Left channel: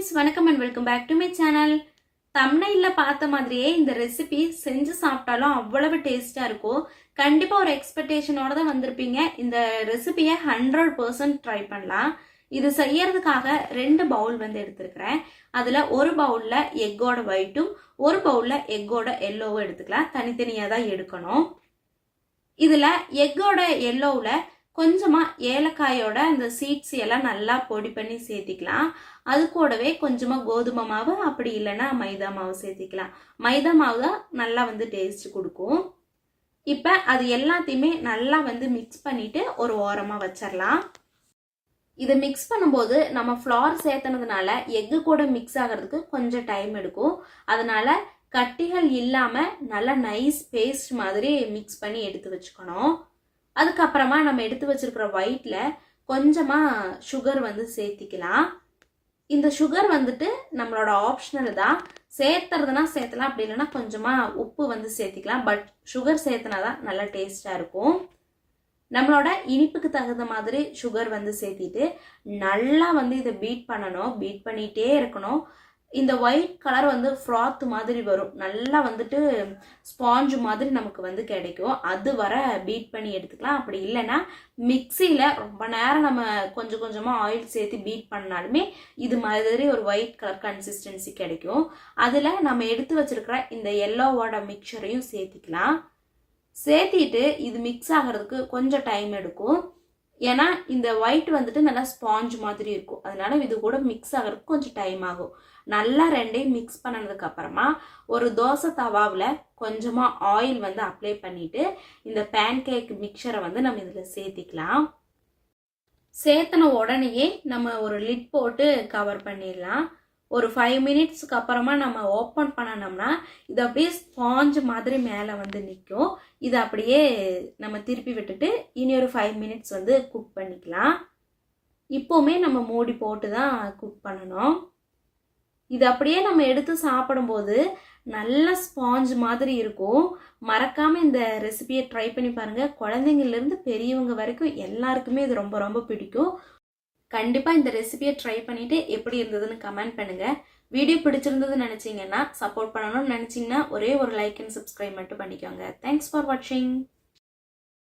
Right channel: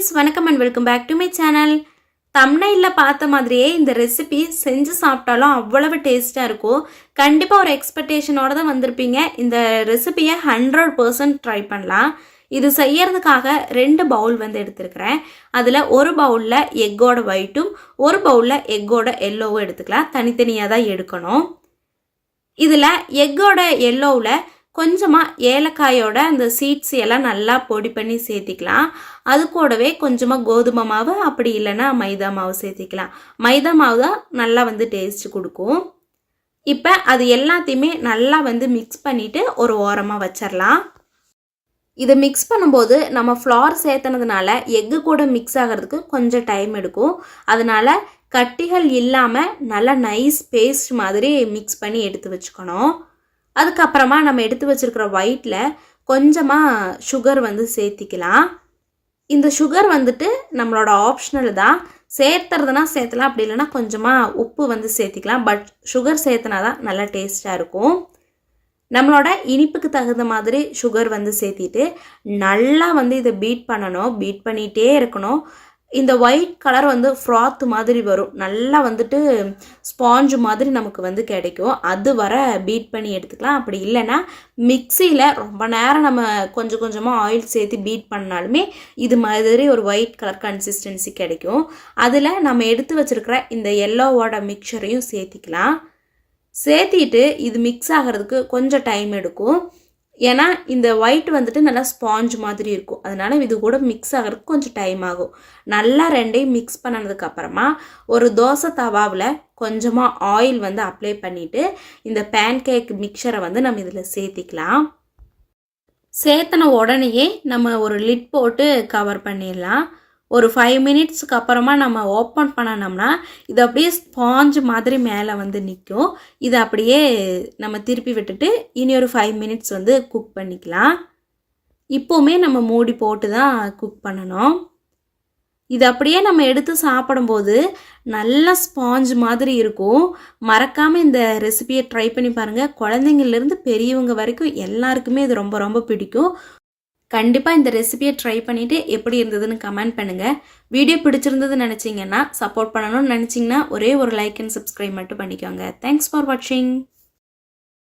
friends, வணக்கம் and welcome back to my channel. thumbnailல பார்த்த மாதிரியே இந்த ரெசிபி செஞ்சு சாப்பிட்டாலும் அவ்வளவு டேஸ்டா இருக்கும். கண்டிப்பா ஒரு எக்ஸ்பெக்டேஷனோட தான் வந்திருப்பீங்க. இந்த ரெசிபியை 100% ட்ரை பண்ணலாம். இது செய்யறதுக்காக 2 பவுல் வந்து எடுத்துக்கிறேன். அதுல ஒரு பவுல்ல எக்கோட ஒயிட்டும் ஒரு பவுல்ல எக்கோட எல்லோவும் எடுத்துக்கலாம். தனித்தனியா தான் எடுக்கணும். இதுல எக்கோட எல்லோவுல கொஞ்சமா ஏலக்காயோட அந்த சீட்ஸ் எல்லாம் நல்லா பொடி பண்ணி சேர்த்திக்கலாம். அது கூடவே கொஞ்சமா கோதுமை மாவு அப்படி இல்லைன்னா மைதா மாவு சேர்த்திக்கலாம். மைதா மாவு தான் நல்லா வந்து டேஸ்ட் கொடுக்கும். இப்போ அது எல்லாத்தையுமே நல்லா வந்து மிக்ஸ் பண்ணிட்டு ஒரு ஓரமாக வச்சிடலாம். இதை மிக்ஸ் பண்ணும்போது நம்ம ஃப்ளார் சேர்த்தனதுனால எக்கு கூட மிக்ஸ் ஆகிறதுக்கு கொஞ்சம் டைம் எடுக்கும். அதனால கட்டிகள் இல்லாமல் நல்லா நைஸ் பேஸ்ட் மாதிரி மிக்ஸ் பண்ணி எடுத்து வச்சுக்கணும். அதுக்கப்புறமா நம்ம எடுத்து வச்சிருக்கிற ஒயிட்டில் கொஞ்சமாக சுகர் வந்து சேர்த்திக்கலாம். இந்த சுகர் வந்துட்டு நம்மளோட ஆப்ஷனல் தான். சேர்த்துறதுனா சேர்த்தலாம், அப்படி இல்லைன்னா கொஞ்சமாக உப்பு வந்து சேர்த்திக்கலாம். பட் சுகர் சேர்த்துனா தான் நல்லா டேஸ்ட்டாக இருக்கும். நம்மளோட இனிப்புக்கு தகுந்த மாதிரி சுகர் வந்து சேர்த்திட்டு நல்லா வந்து இதை பீட் பண்ணணும். பீட் பண்ணிகிட்டே இருக்கணும். இந்த ஒயிட் கலர் வந்து ஃப்ராத் மாதிரி வரும். நல்லா வந்துட்டு ஸ்பாஞ்சு மாதிரி நமக்கு வந்து கிடைக்கும். அது வர பீட் பண்ணி எடுத்துக்கலாம். அப்படி இல்லைன்னா மிக்சியில் ரொம்ப நேரம் நம்ம கொஞ்சம் கொஞ்சமாக ஆயில் சேர்த்து பீட் பண்ணாலுமே இது மாதிரி ஒரு ஒயிட் கலர் கன்சிஸ்டன்சி கிடைக்கும். அதில் நம்ம எடுத்து வச்சுருக்கிற இந்த எல்லோவோட மிக்சரையும் சேர்த்திக்கலாம். சேர்த்திட்டு இது மிக்ஸ் ஆகிறதுக்கு கொஞ்சம் டைம் எடுக்கும். ஏன்னா இந்த ஒயிட் வந்துட்டு நல்லா ஸ்பாஞ்ச் மாதிரி இருக்கும். அதனால இது கூட மிக்ஸ் ஆகிறதுக்கு கொஞ்சம் டைம் ஆகும். நல்லா ரெண்டையும் மிக்ஸ் பண்ணதுக்கு அப்புறமா ஒரு தோசை தவாவில் கொஞ்சமாக ஆயில் வந்து அப்ளை பண்ணிவிட்டு இந்த பேன் கேக் மிக்சரை வந்து நம்ம இதில் சேர்த்திக்கலாம். சேர்த்தன உடனேயே நம்ம ஒரு லிட் போட்டு கவர் பண்ணிடலாம். ஒரு 5 மினிட்ஸுக்கு அப்புறமா நம்ம ஓப்பன் பண்ணனோம்னா இது அப்படியே ஸ்பாஞ்ச் மாதிரி மேலே வந்து நிற்கும். இதை அப்படியே நம்ம திருப்பி விட்டுட்டு இனி ஒரு 5 மினிட்ஸ் வந்து குக் பண்ணிக்கலாம். இப்போவுமே நம்ம மூடி போட்டு தான் குக் பண்ணணும். இது அப்படியே நம்ம எடுத்து சாப்பிடும்போது நல்ல ஸ்பாஞ்ச் மாதிரி இருக்கும். மறக்காமல் இந்த ரெசிபியை ட்ரை பண்ணி பாருங்கள். குழந்தைங்கள்லேருந்து பெரியவங்க வரைக்கும் எல்லாருக்குமே இது ரொம்ப ரொம்ப பிடிக்கும். கண்டிப்பாக இந்த ரெசிபியை ட்ரை பண்ணிவிட்டு எப்படி இருந்ததுன்னு கமெண்ட் பண்ணுங்கள். வீடியோ பிடிச்சிருந்ததுன்னு நினச்சிங்கன்னா, சப்போர்ட் பண்ணணும்னு நினச்சிங்கன்னா ஒரே ஒரு லைக் அண்ட் சப்ஸ்கிரைப் மட்டும் பண்ணிக்கோங்க. தேங்க்ஸ் ஃபார் வாட்சிங்.